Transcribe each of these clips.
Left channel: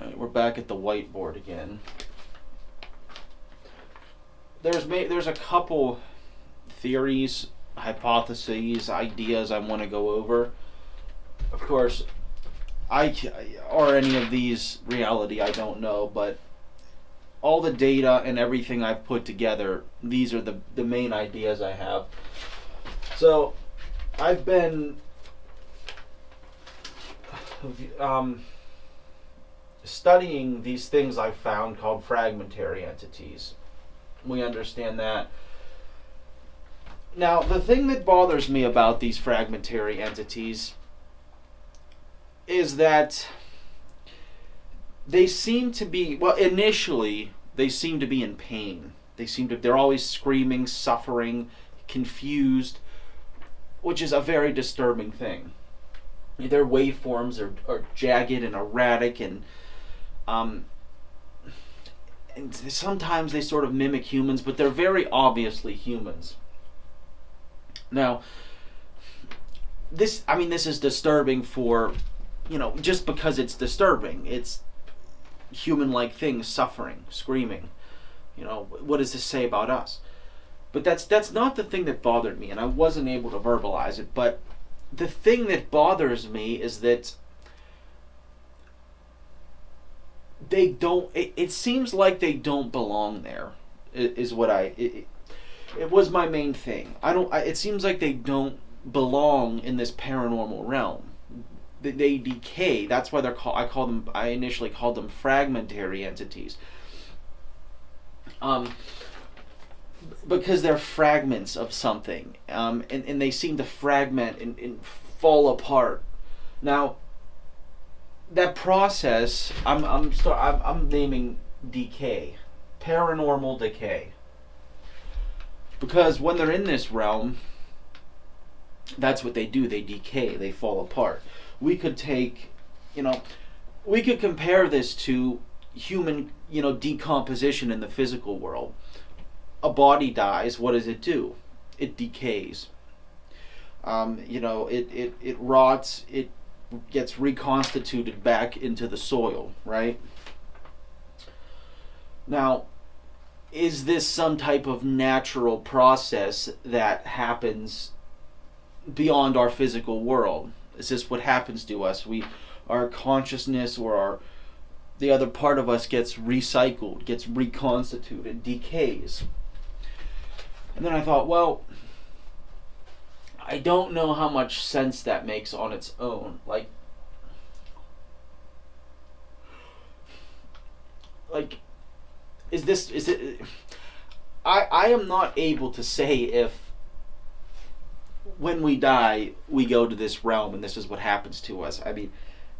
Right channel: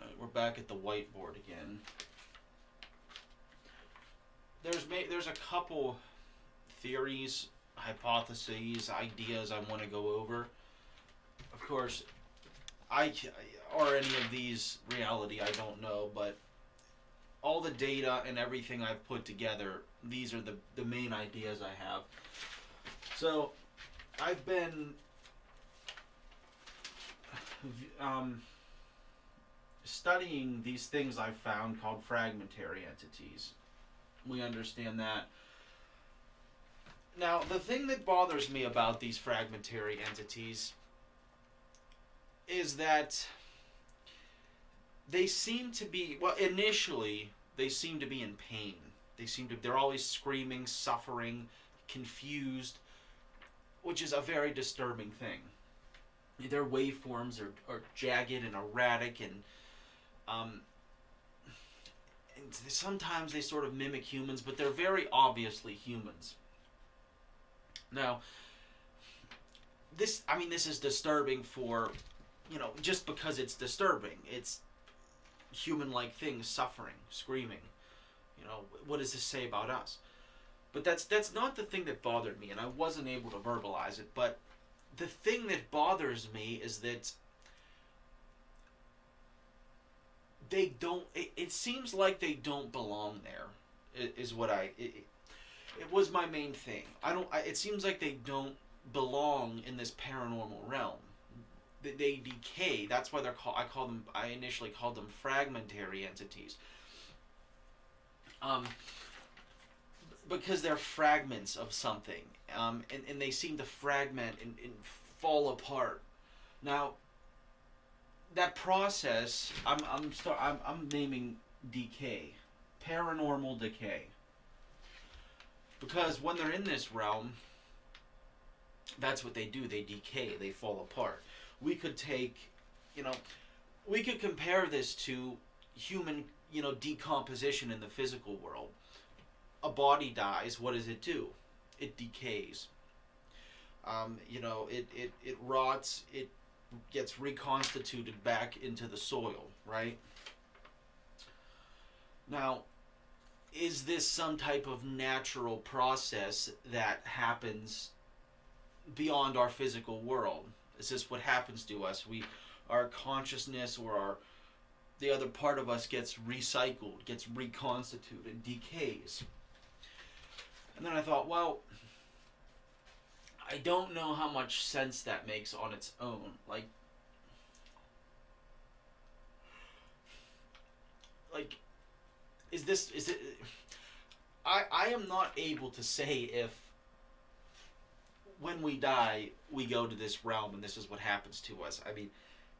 Alright, we're back at the whiteboard again. There's a couple theories, hypotheses, ideas I want to go over. Of course, or any of these reality, I don't know, but all the data and everything I've put together, these are the main ideas I have. So, I've been studying these things I've found called fragmentary entities. We understand that. Now, the thing that bothers me about these fragmentary entities is that they seem to be, well, initially, they seem to be in pain. They're always screaming, suffering, confused, which is a very disturbing thing. Their waveforms are jagged and erratic, and sometimes they sort of mimic humans, but they're very obviously humans. Now, this is disturbing for, just because it's disturbing. It's human-like things suffering, screaming. What does this say about us? But that's not the thing that bothered me, and I wasn't able to verbalize it. But the thing that bothers me is that they don't. It seems like they don't belong there. Is what it was my main thing. It seems like they don't belong in this paranormal realm. They decay. That's why they're called. I initially called them fragmentary entities. Because they're fragments of something, and they seem to fragment and fall apart. Now, that process, I'm naming decay, paranormal decay, because when they're in this realm, that's what they do. They decay. They fall apart. We could compare this to human, decomposition in the physical world. A body dies, what does it do? It decays. It rots, it gets reconstituted back into the soil, right? Now, is this some type of natural process that happens beyond our physical world? Is this what happens to us? Our consciousness or the other part of us gets recycled, gets reconstituted, decays. And then I thought, well, I don't know how much sense that makes on its own. Is it? I am not able to say if when we die we go to this realm and this is what happens to us. I mean,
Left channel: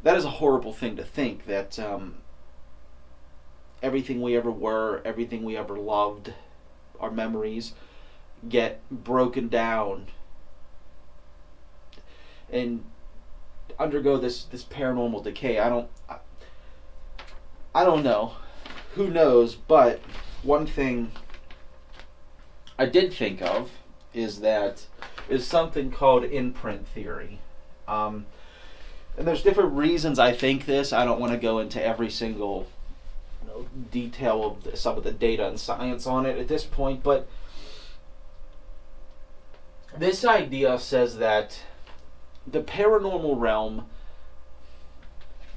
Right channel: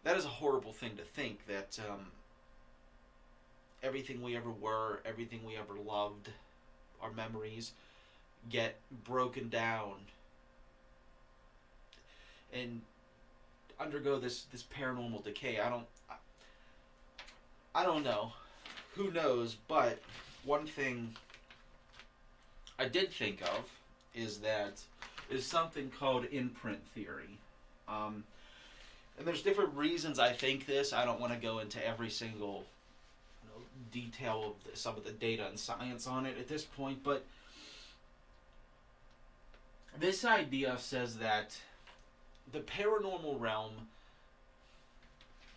that is a horrible thing to think, that everything we ever were, everything we ever loved, our memories, get broken down and undergo this paranormal decay. I don't know. Who knows? But one thing I did think of is something called imprint theory. And there's different reasons I think this. I don't want to go into every single detail of some of the data and science on it at this point, but this idea says that the paranormal realm,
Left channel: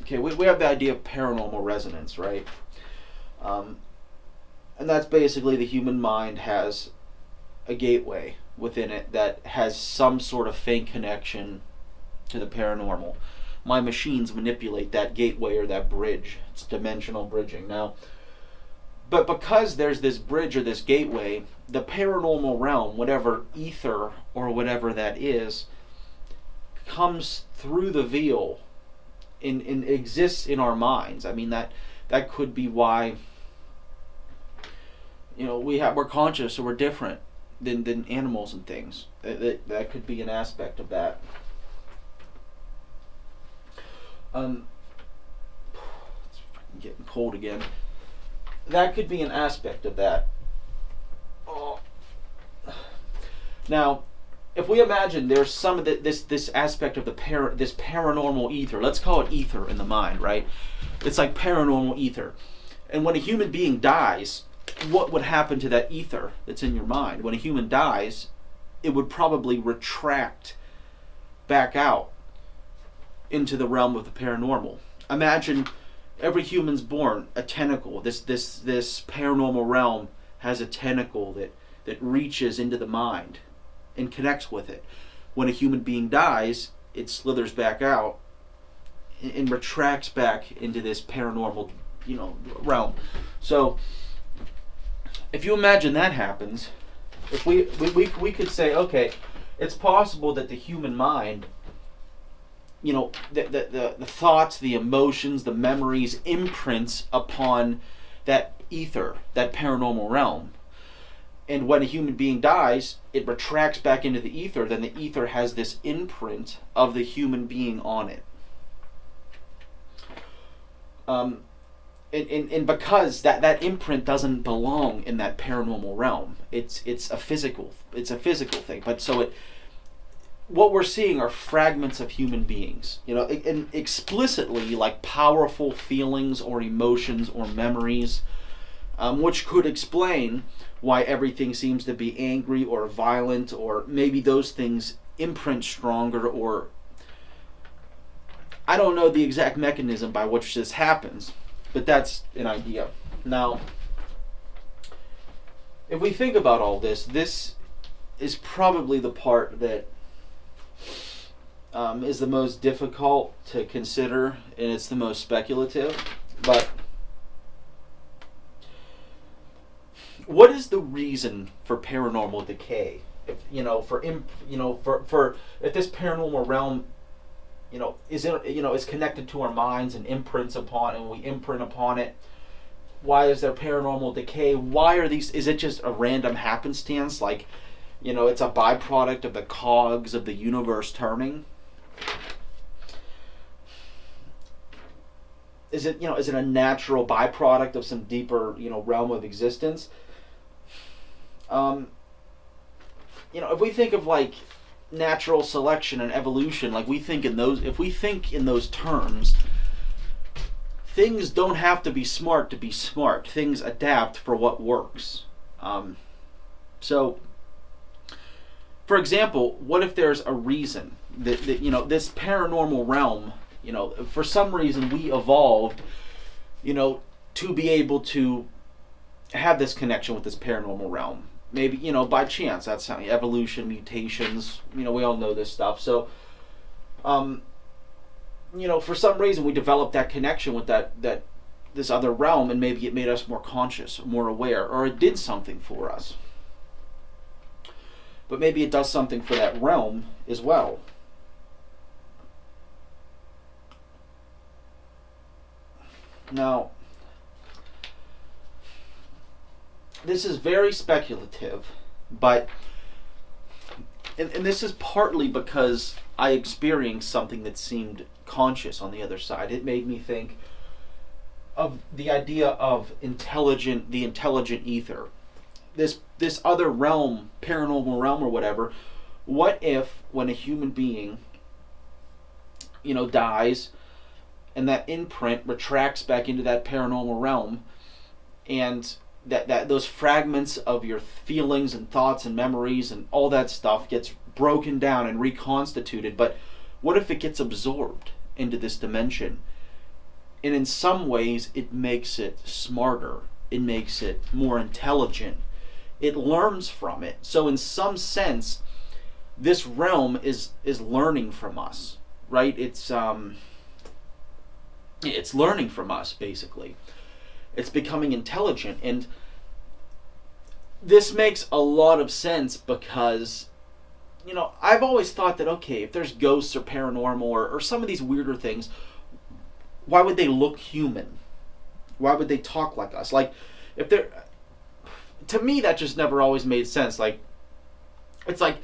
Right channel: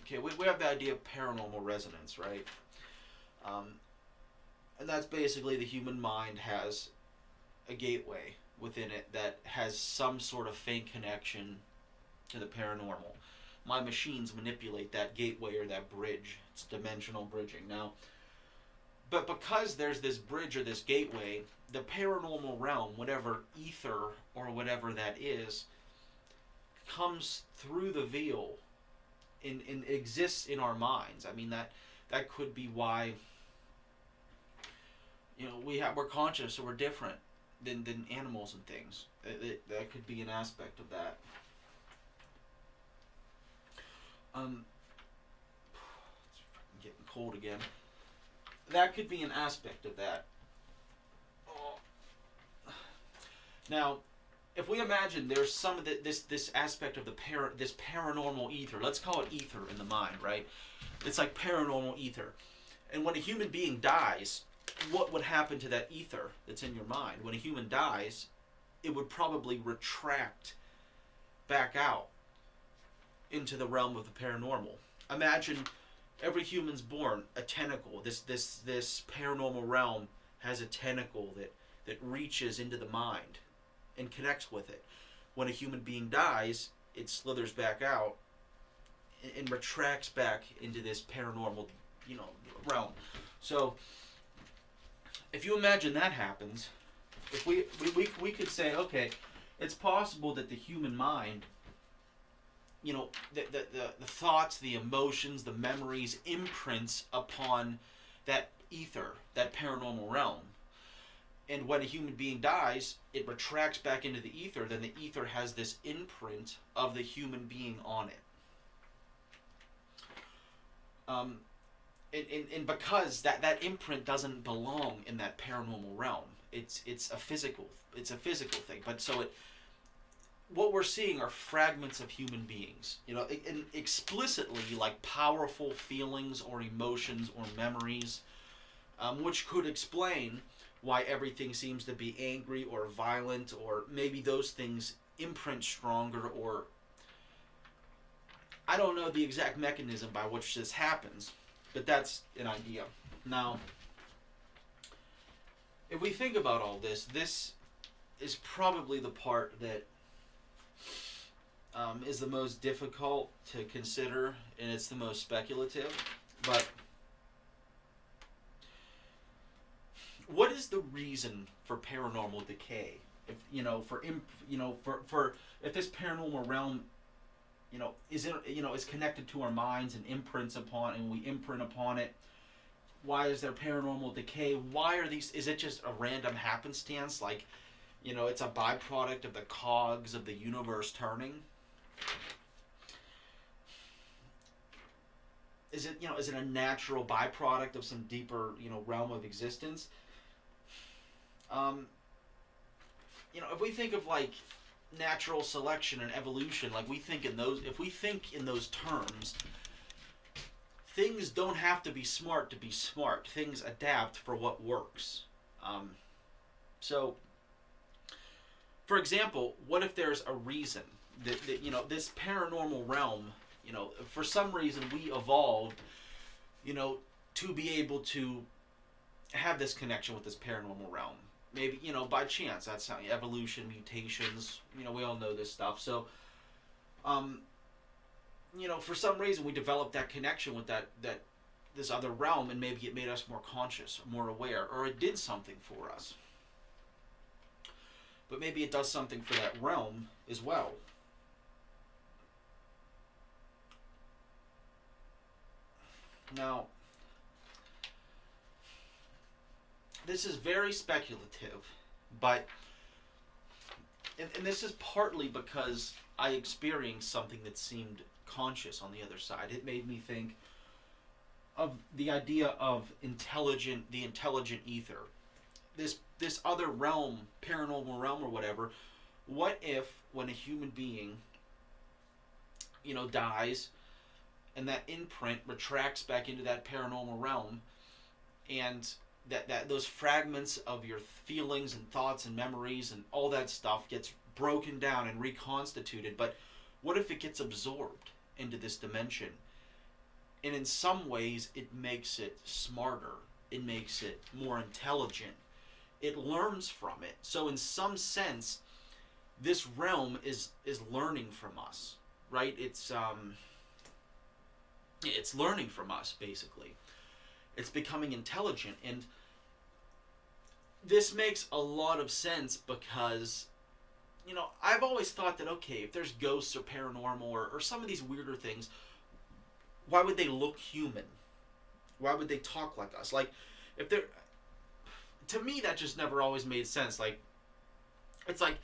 we have the idea of paranormal resonance, right? And that's basically the human mind has a gateway within it that has some sort of faint connection to the paranormal. My machines manipulate that gateway or that bridge. It's dimensional bridging. Now, but because there's this bridge or this gateway, the paranormal realm, whatever ether or whatever that is, comes through the veil and exists in our minds. I mean, that could be why we're conscious or we're different than animals and things. That could be an aspect of that. It's freaking getting cold again. That could be an aspect of that. Now, if we imagine there's some of this aspect of this paranormal ether, let's call it ether in the mind, right? It's like paranormal ether. And when a human being dies, what would happen to that ether that's in your mind? When a human dies, it would probably retract back out into the realm of the paranormal. Imagine every human's born a tentacle. This paranormal realm has a tentacle that reaches into the mind and connects with it. When a human being dies, it slithers back out and retracts back into this paranormal, realm. So if you imagine that happens, if we could say, okay, it's possible that the human mind, the thoughts, the emotions, the memories, imprints upon that ether, that paranormal realm. And when a human being dies, it retracts back into the ether, then the ether has this imprint of the human being on it. And because that imprint doesn't belong in that paranormal realm, it's a physical thing. But so what we're seeing are fragments of human beings, and explicitly like powerful feelings or emotions or memories, which could explain why everything seems to be angry or violent, or maybe those things imprint stronger, or I don't know the exact mechanism by which this happens, but that's an idea. Now, if we think about all this is probably the part that is the most difficult to consider, and it's the most speculative. But what is the reason for paranormal decay? If if this paranormal realm, is connected to our minds and imprints upon, and we imprint upon it, why is there paranormal decay? Why are these? Is it just a random happenstance? Like, it's a byproduct of the cogs of the universe turning. Is it a natural byproduct of some deeper, realm of existence? If we think of like natural selection and evolution, like if we think in those terms, things don't have to be smart to be smart. Things adapt for what works. So, for example, what if there's a reason that this paranormal realm, for some reason we evolved, to be able to have this connection with this paranormal realm. Maybe, by chance. That's how evolution, mutations, we all know this stuff. So, for some reason we developed that connection with this other realm, and maybe it made us more conscious, more aware, or it did something for us. But maybe it does something for that realm as well. Now, this is very speculative, but and this is partly because I experienced something that seemed conscious on the other side. It made me think of the idea of the intelligent ether. This other realm, paranormal realm or whatever, what if when a human being, dies, and that imprint retracts back into that paranormal realm, and that those fragments of your feelings and thoughts and memories and all that stuff gets broken down and reconstituted, but what if it gets absorbed into this dimension? And in some ways it makes it smarter, it makes it more intelligent, it learns from it. So in some sense, this realm is learning from us, right? It's learning from us, basically. It's becoming intelligent, and this makes a lot of sense because, I've always thought that, okay, if there's ghosts or paranormal or some of these weirder things, why would they look human? Why would they talk like us? Like, if they're... To me, that just never always made sense. Like, it's like,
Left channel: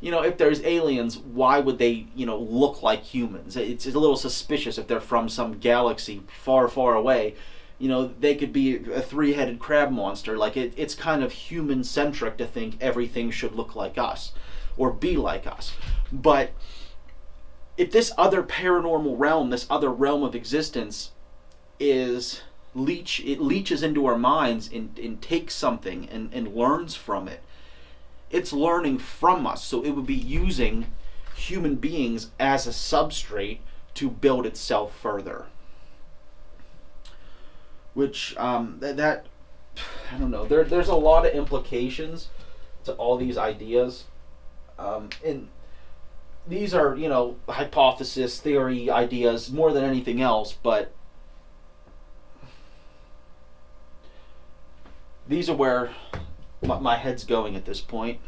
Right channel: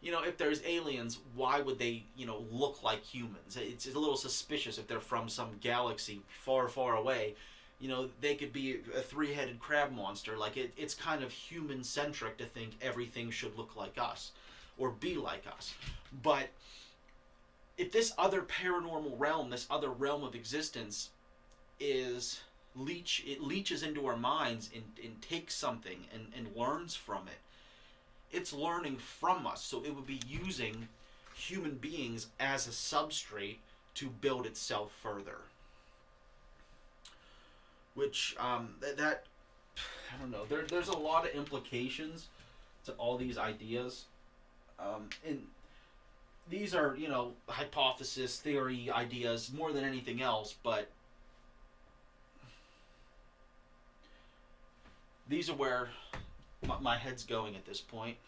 if there's aliens, why would they, look like humans? It's a little suspicious if they're from some galaxy far, far away. They could be a three-headed crab monster. Like, it's kind of human-centric to think everything should look like us. or be like us. But if this other paranormal realm, this other realm of existence it leaches into our minds and takes something and learns from it. It's learning from us, so it would be using human beings as a substrate to build itself further. Which, that I don't know, there's a lot of implications to all these ideas. And these are, hypothesis, theory, ideas, more than anything else, but these are where my head's going at this point.